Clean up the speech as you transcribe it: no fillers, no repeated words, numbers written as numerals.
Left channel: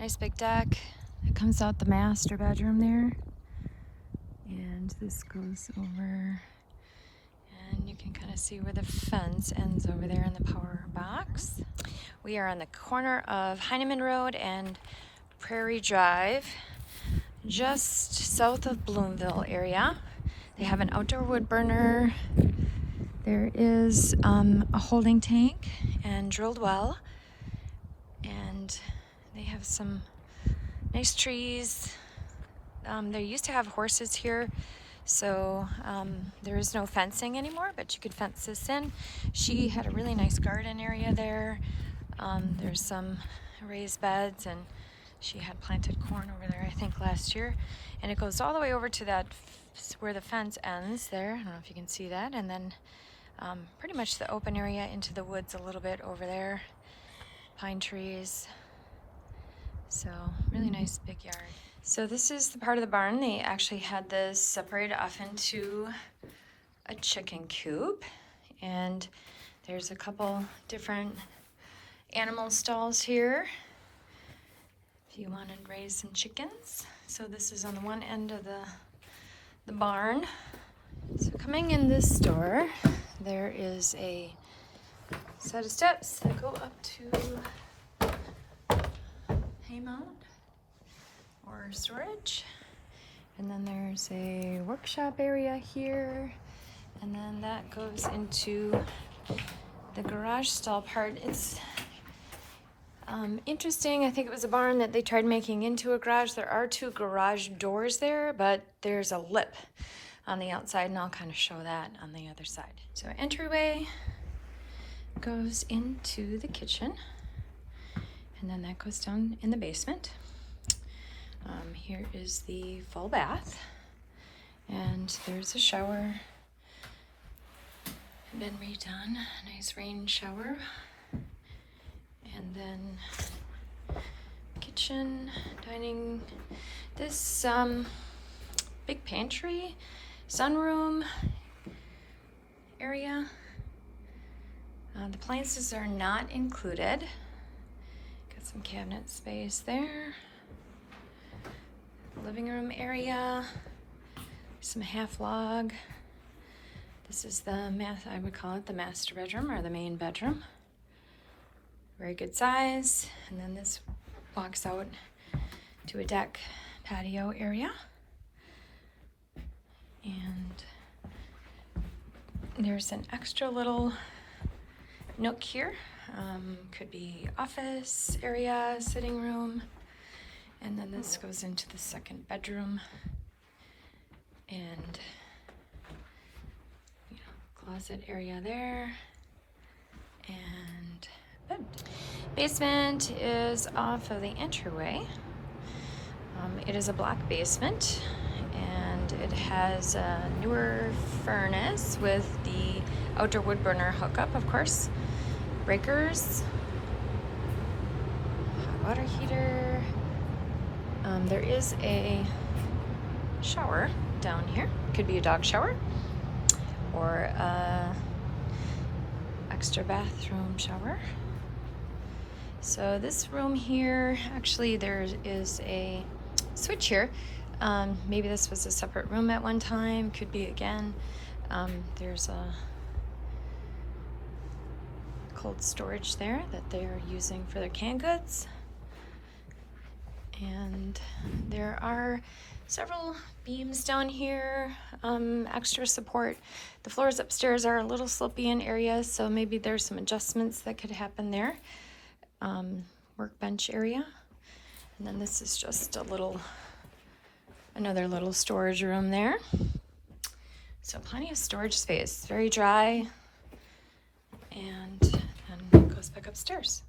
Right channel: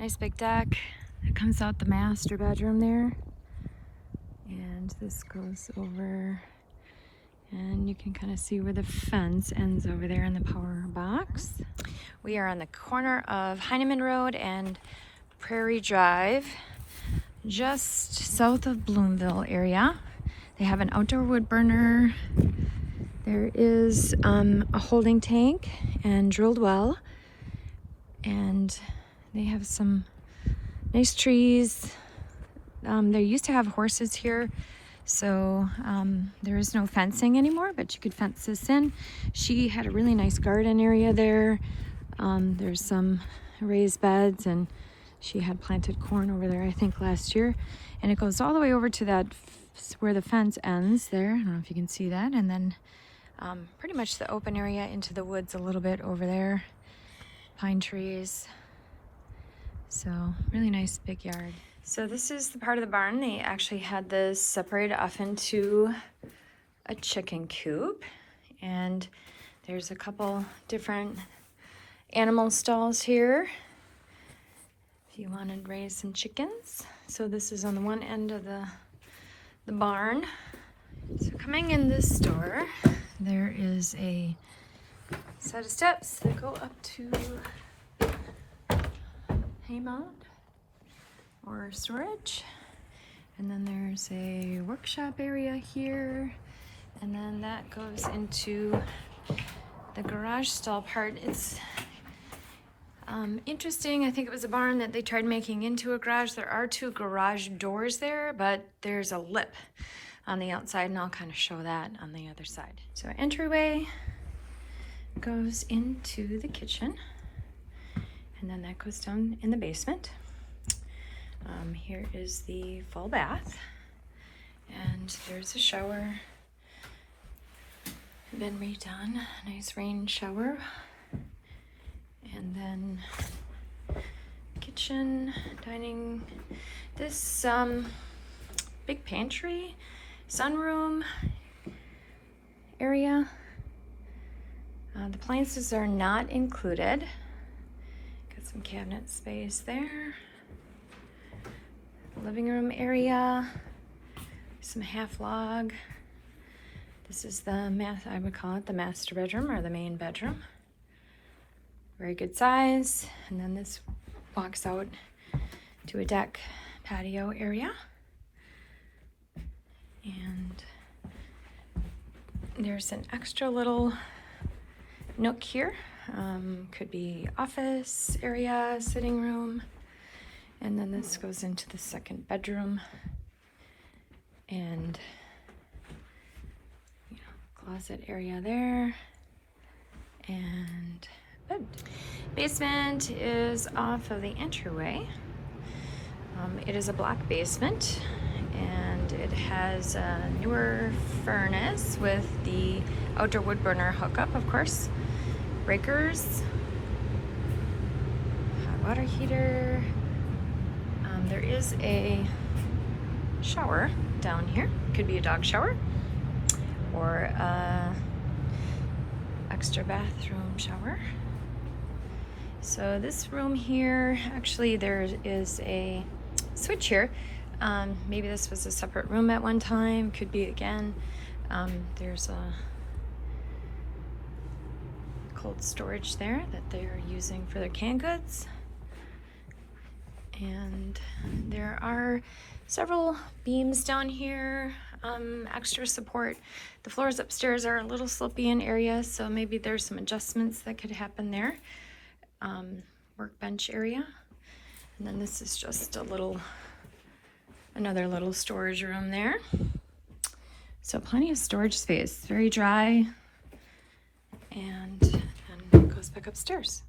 Nice big deck. It comes out the master bedroom there. And this goes over, and you can kind of see where the fence ends over there in the power box. We are on the corner of Heineman Road and Prairie Drive, just south of Bloomville area. They have an outdoor wood burner. There is a holding tank and drilled well. And they have some nice trees. They used to have horses here, so there is no fencing anymore, but you could fence this in. She had a really nice garden area there. There's some raised beds, and she had planted corn over there, I think, last year. And it goes all the way over to that, where the fence ends there. I don't know if you can see that. And then pretty much the open area into the woods a little bit over there. Pine trees. So really nice big yard. So this is the part of the barn. They actually had this separated off into a chicken coop. And there's a couple different animal stalls here if you want to raise some chickens. So this is on the one end of the barn. So coming in this door, there is a set of steps that go up to hay mound or storage. And then there's a workshop area here. And then that goes into the garage stall part. It's interesting. I think it was a barn that they tried making into a garage. There are two garage doors there, but there's a lip on the outside, and I'll kind of show that on the other side. So entryway goes into the kitchen, and then that goes down in the basement. Here is the full bath, and there's a shower, been redone, nice rain shower. And then kitchen, dining, this big pantry, sunroom area. The appliances are not included. Got some cabinet space there. Living room area, some half log. This is the I would call it the master bedroom or the main bedroom. Very good size. And then this walks out to a deck patio area. And there's an extra little nook here. Could be office area, sitting room. And then this goes into the second bedroom. And closet area there. And bed. Basement is off of the entryway. It is a block basement, and it has a newer furnace with the outdoor wood burner hookup, of course. Breakers, hot water heater. There is a shower down here. Could be a dog shower or a extra bathroom shower. So this room here, actually there is a switch here. Maybe this was a separate room at one time, could be again. There's a cold storage there that they're using for their canned goods. And there are several beams down here, extra support. The floors upstairs are a little slopey in areas, so maybe there's some adjustments that could happen there. Workbench area. And then this is just another little storage room there. So plenty of storage space, very dry, and then it goes back upstairs.